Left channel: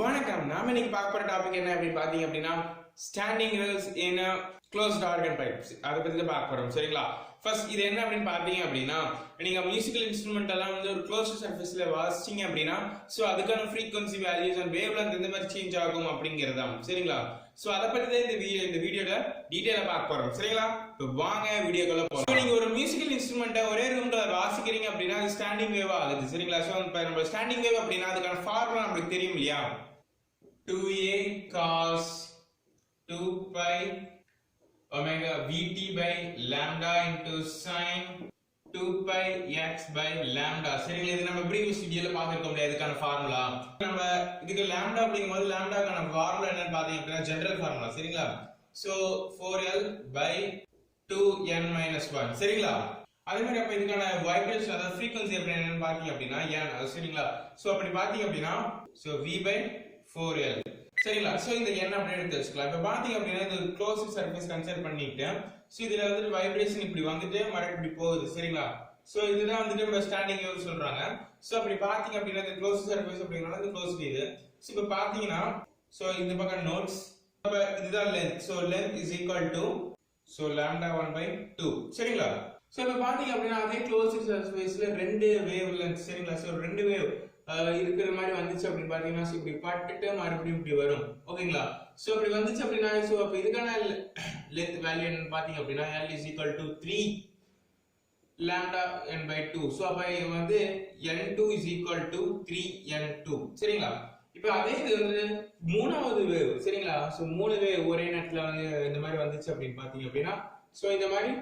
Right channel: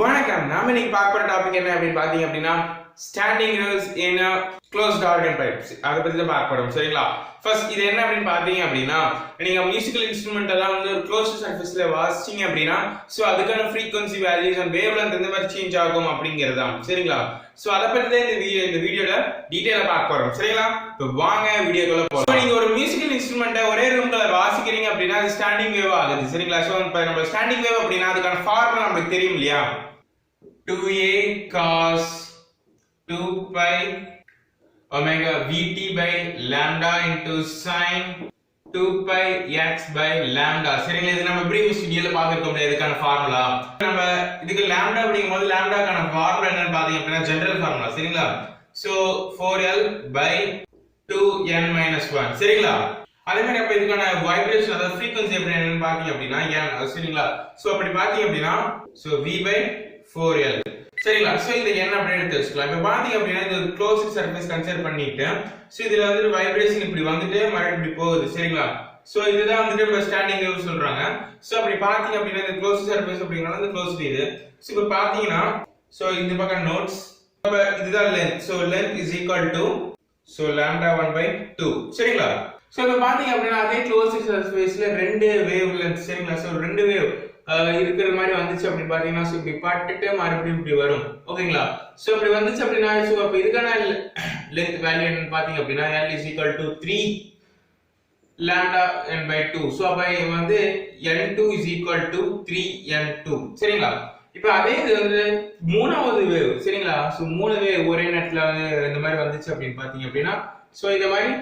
வணக்கம். நாம இன்னைக்கு பார்க்க போற டாபிக் என்ன அப்படின்னு பாத்தீங்க அப்படின்னா ஸ்டாண்டிங் வேவ்ஸ் இன் க்ளோஸ்ட் ஆர்கன் பைப்ஸ். அதை பத்தி தான் பார்க்க போறோம். சரிங்களா? ஃபர்ஸ்ட் இது என்ன அப்படின்னு பாத்தீங்க அப்படின்னா, நீங்க மியூசிக்கல் இன்ஸ்ட்ருமெண்ட் எல்லாம் வந்து ஒரு க்ளோஸ்ட் சர்ஃபேஸ்ல வாசிச்சீங்க அப்படின்னா சோ அதுக்கான frequency values and wave length எந்த மாதிரி சேஞ்ச் ஆகும் அப்படிங்கறதா. சரிங்களா? சோ அத பத்தி தான் இந்த வீடியோல டீடைலா பார்க்க போறோம். சரிங்களா? இப்போ வாங்க வீடியோக்குள்ள போலாம். நீங்க ஒரு மியூசிக்கல் இன்ஸ்ட்ருமெண்ட்டை ஒரே ரூம்ல வாசிக்கிறீங்க அப்படின்னா அது ஸ்டாண்டிங் வேவ் ஆகுது. சரிங்களா? சோ இப்போ நம்ம ஸ்டாண்டிங் வேவ் அப்படின்னா அதுக்கான ஃபார்முலா நமக்கு தெரியும் இல்லையா? 2a cos 2 pi omega vt by lambda into sin 2 pi x by lambda. சரிங்களா? இது நம்ம ப்ரீவியஸ் வீடியோல பார்த்திருக்கோம் இதுக்கான ஃபார்முலா. நம்ம இதுக்கு lambda அப்படிங்கும்போது lambdaக்கான ஃபார்முலா என்னன்னு பாத்தீங்க அப்படின்னா ஜெனரல் ஃபார்முலா. சரிங்களா? So 4l by 2n minus 1. சரிங்களா? அதே மாதிரி அப்ப இதுக்கான வைப்ரேஷன் அதாவது ஃப்ரீக்வன்சி எப்படி என்னன்னு பாத்தீங்க அப்படின்னா n. சரிங்களா? சோ அப்படி பாத்தீங்க அப்படின்னா சோ v by 4l. சரிங்களா? சோ இந்த n அப்படியே எடுத்து வச்சுக்கலாம். இப்போ பாத்தீங்க அப்படின்னா இந்த க்ளோஸ்ட் சர்ஃபேஸ் கன்சிடர் பண்ணிட்டு சோ இதுல வந்து வைப்ரேஷன் இப்படி வந்துட்டு மறுபடியும் இப்படி போகுது. சரிங்களா? சோ இதுதான் வந்து நம்ம ஸ்டாண்டிங் வேவ் சொல்றாங்க. சோ அப்படி பாத்தீங்க அப்படின்னா இந்த க்ளோஸ்ட் சர்ஃபேஸ் அப்படிங்கறது இந்த க்ளோஸ்ட் இது. சோ இப்போ பாத்தீங்கன்னா சோ இந்த பக்கம் நோட்ஸ் அப்ப இதுதான் length. So length is equal to so lambda 1 by 2. சரிங்களா? சோ இப்போ பாத்தீங்க அப்படின்னா அதே க்ளோஸ்ட் சர்ஃபேஸ்ல ரெண்டு வேவ் லெந்த். சரிங்களா? சோ ரெண்டு வேவ் இருக்கிற மாதிரி வந்துச்சு அப்படி பாத்தீங்கன்னா சோ இப்படி பட்டுட்டு மறுபடியும் இப்படி வரும். ஓகேங்களா? சோ இப்படி வந்துச்சு அப்படின்னா சோ அப்ப இதுக்கான லெந்த் வேல்யூ என்னன்னு பாத்தீங்க அப்படின்னா l is equal to 3 lambda n by 2. So அப்ப வந்து n2 is equal to 3n2. சரிங்களா? இப்போ அதே இது வந்து மூணாவது வேவ். சரிங்களா? சோ மூணு வேவ் ஒரே நேரத்துல வந்து இந்த மாதிரி வந்துச்சு அப்படின்னு பாத்தீங்க அப்படின்னா சோ இந்த மாதிரி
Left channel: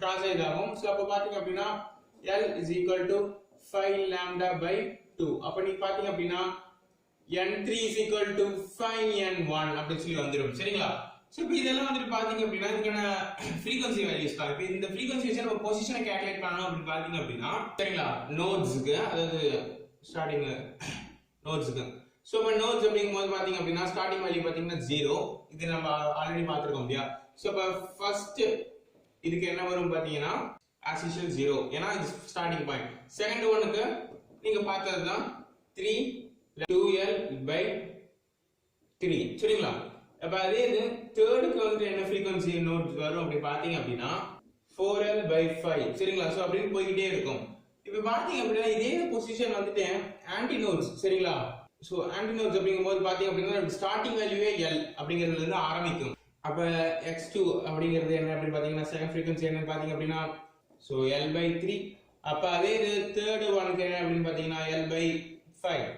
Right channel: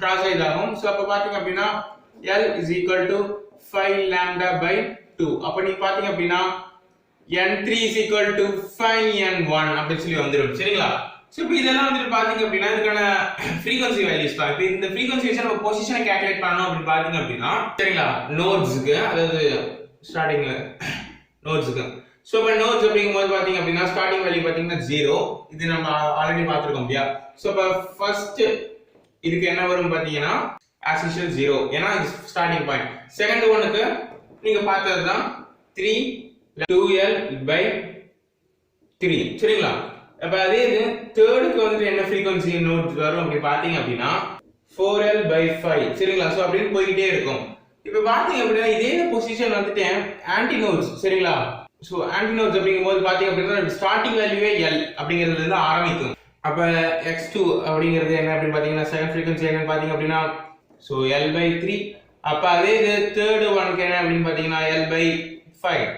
கிராஸ் ஆகும். சோ அப்ப பாத்தீங்க அப்படின்னா l is equal to 5 lambda by 2. அப்ப நீங்க பாத்தீங்க அப்படின்னா n3 is equal to 5n1 அப்படி சொல்லி வந்துரும். சரிங்களா? சோ இப்போ இதெல்லாம் வந்து பாத்தீங்க அப்படின்னா இதுக்கான ஃப்ரீக்வன்சி வேல்யூஸ் தான். இப்போ இந்த ஃப்ரீக்வன்சிஸ் நம்ம பொசிஷனை கால்குலேட் பண்ணனும் அப்படி பாத்தீங்க அப்படின்னா சரிங்களா நோட்ஸ்க்கு அதாவது ஸ்டார்டிங் நோட்ஸ்க்கு சோ இப்போ நோட்ஸ் அப்படிங்கும்போது பாத்தீங்க அப்படின்னா ஸ்டார்டிங் வேல்யூ பாத்தீங்கன்னா 0. இது நம்ம ஆல்ரெடி பாத்துறோம் இல்லையா? சோ இப்போ ஃபர்ஸ்ட் இதுக்கு என்ன வரும் பாத்தீங்கன்னா as usual 0 ஏனா இது ஸ்டார்டிங் பாயிண்ட். செகண்ட் ஒன்னுக்கு நீங்க பார்த்ததுதான் 3 2l by 3. சரிங்களா? அப்ப அதே இது தேர்டுக்கு வந்து என்ன ஃப்ரீக்வன்சி நோட் வரும் அப்படி பாத்தீங்க அப்படின்னா 4l by 5. சரிங்களா? சோ அப்படியே போயிட்டே இருக்கும். இப்போ பாத்தீங்க அப்படின்னா இதே பொசிஷன் வந்துட்டு ஆன்டி நோட்ஸ். சரிங்களா? சோ ஆன்டி நோட்ஸ் அப்படிங்கும்போது பாத்தீங்க அப்படின்னா ஸ்டார்டிங் வேல்யூவே l அப்படிங்கிறதுல இருந்து ஆரம்பிக்கும். அப்ப x2 அப்படிங்கிறது என்ன அப்படி பாத்தீங்கன்னா செகண்ட் ஃப்ரீக்வன்சி என்னன்னு பாத்தீங்க அப்படின்னா so l by 3. அப்ப அதே இது தேர்ட் ஒன்க்கு என்ன அப்படினு பாத்தீங்கன்னா l by 5.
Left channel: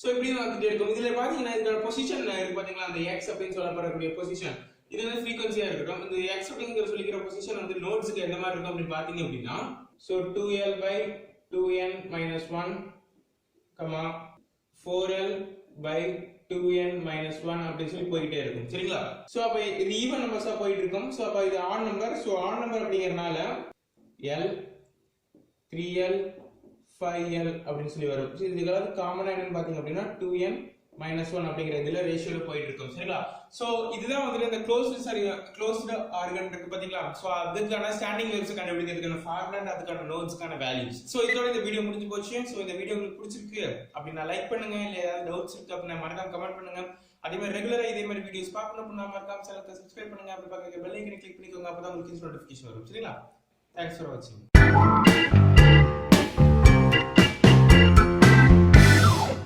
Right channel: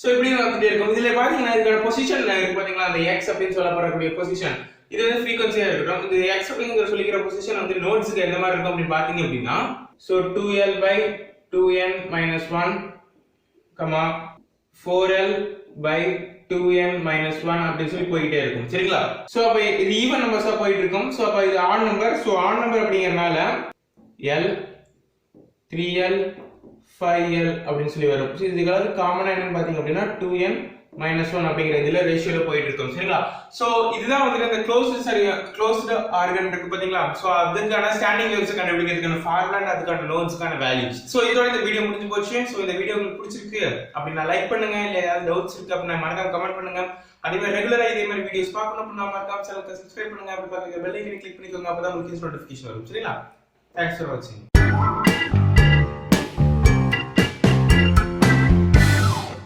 சோ இப்படி வந்துட்டே இருக்கும். இதுல பாத்தீங்கன்னா இதுக்கான பொசிஷன் இருக்கு பாத்தீங்களா அந்த x அப்படினு சொல்லப்படக்கூடிய பொசிஷன் இது வந்து ஃப்ரீக்வன்சியா இருக்கும். இந்த x அப்படிங்கற சொல்லிக்கிற பொசிஷன் வந்து நோட்ஸ்க்கு எந்த மாதிரி இருக்கும் அப்படி பாத்தீங்க அப்படின்னா so 2l by 2n minus 1 4l by 2n minus 1 அப்படி சொல்லி போயிட்டே இருக்கும். சரிங்களா? சோ அப்ப இது ஈவன் நம்பர்ஸா போயிட்டு இருக்கும். சோ அப்ப இது add number. So add number அப்படிங்கறனால l 3l 5l அப்படின்னு சொல்லி வரும். இதுக்காவது காமனா என்னன்னு பாத்தீங்க அப்படின்னா 2n minus 1 அப்படிங்கிற இதுல ரேஷியோல போயிட்டு இருக்கும். சரிங்களா? சோ இதுதான் வந்து அந்த க்ளோஸ்ட் ஆர்கன் இருக்கு பாத்தீங்களா? சோ அதுக்கான ஸ்டாண்டிங் வேவ்ஸ் கண்டுபிடிக்கிறதுக்கான ஃபார்முலா அதுக்கான நோட்ஸ்க்கான வேல்யூஸ். சோ இதோட இந்த வீடியோ முடிஞ்சு போச்சு. சோ இந்த வீடியோ உங்களுக்கு பிடிச்சிருக்கு அப்படினா லைக் பண்ணுங்க. இல்ல ஏதாவது டவுட்ஸ் இருக்கு அப்படினா மறக்காம கமெண்ட் பண்ணுங்க. அதே மாதிரி ரெகுலரா இதே மாதிரி வீடியோஸ் பார்க்கணும் அப்படினா மறக்காம சேனலுக்கு சப்ஸ்கிரைப் பண்ணுங்க. அப்படி பக்கத்துல பெல் ஐகானை கிளிக் பண்ணிக்கோங்க. அப்பதான் உங்களுக்கு நோட்டிஃபிகேஷன் வரும். சரிங்களா? Thanks for watching.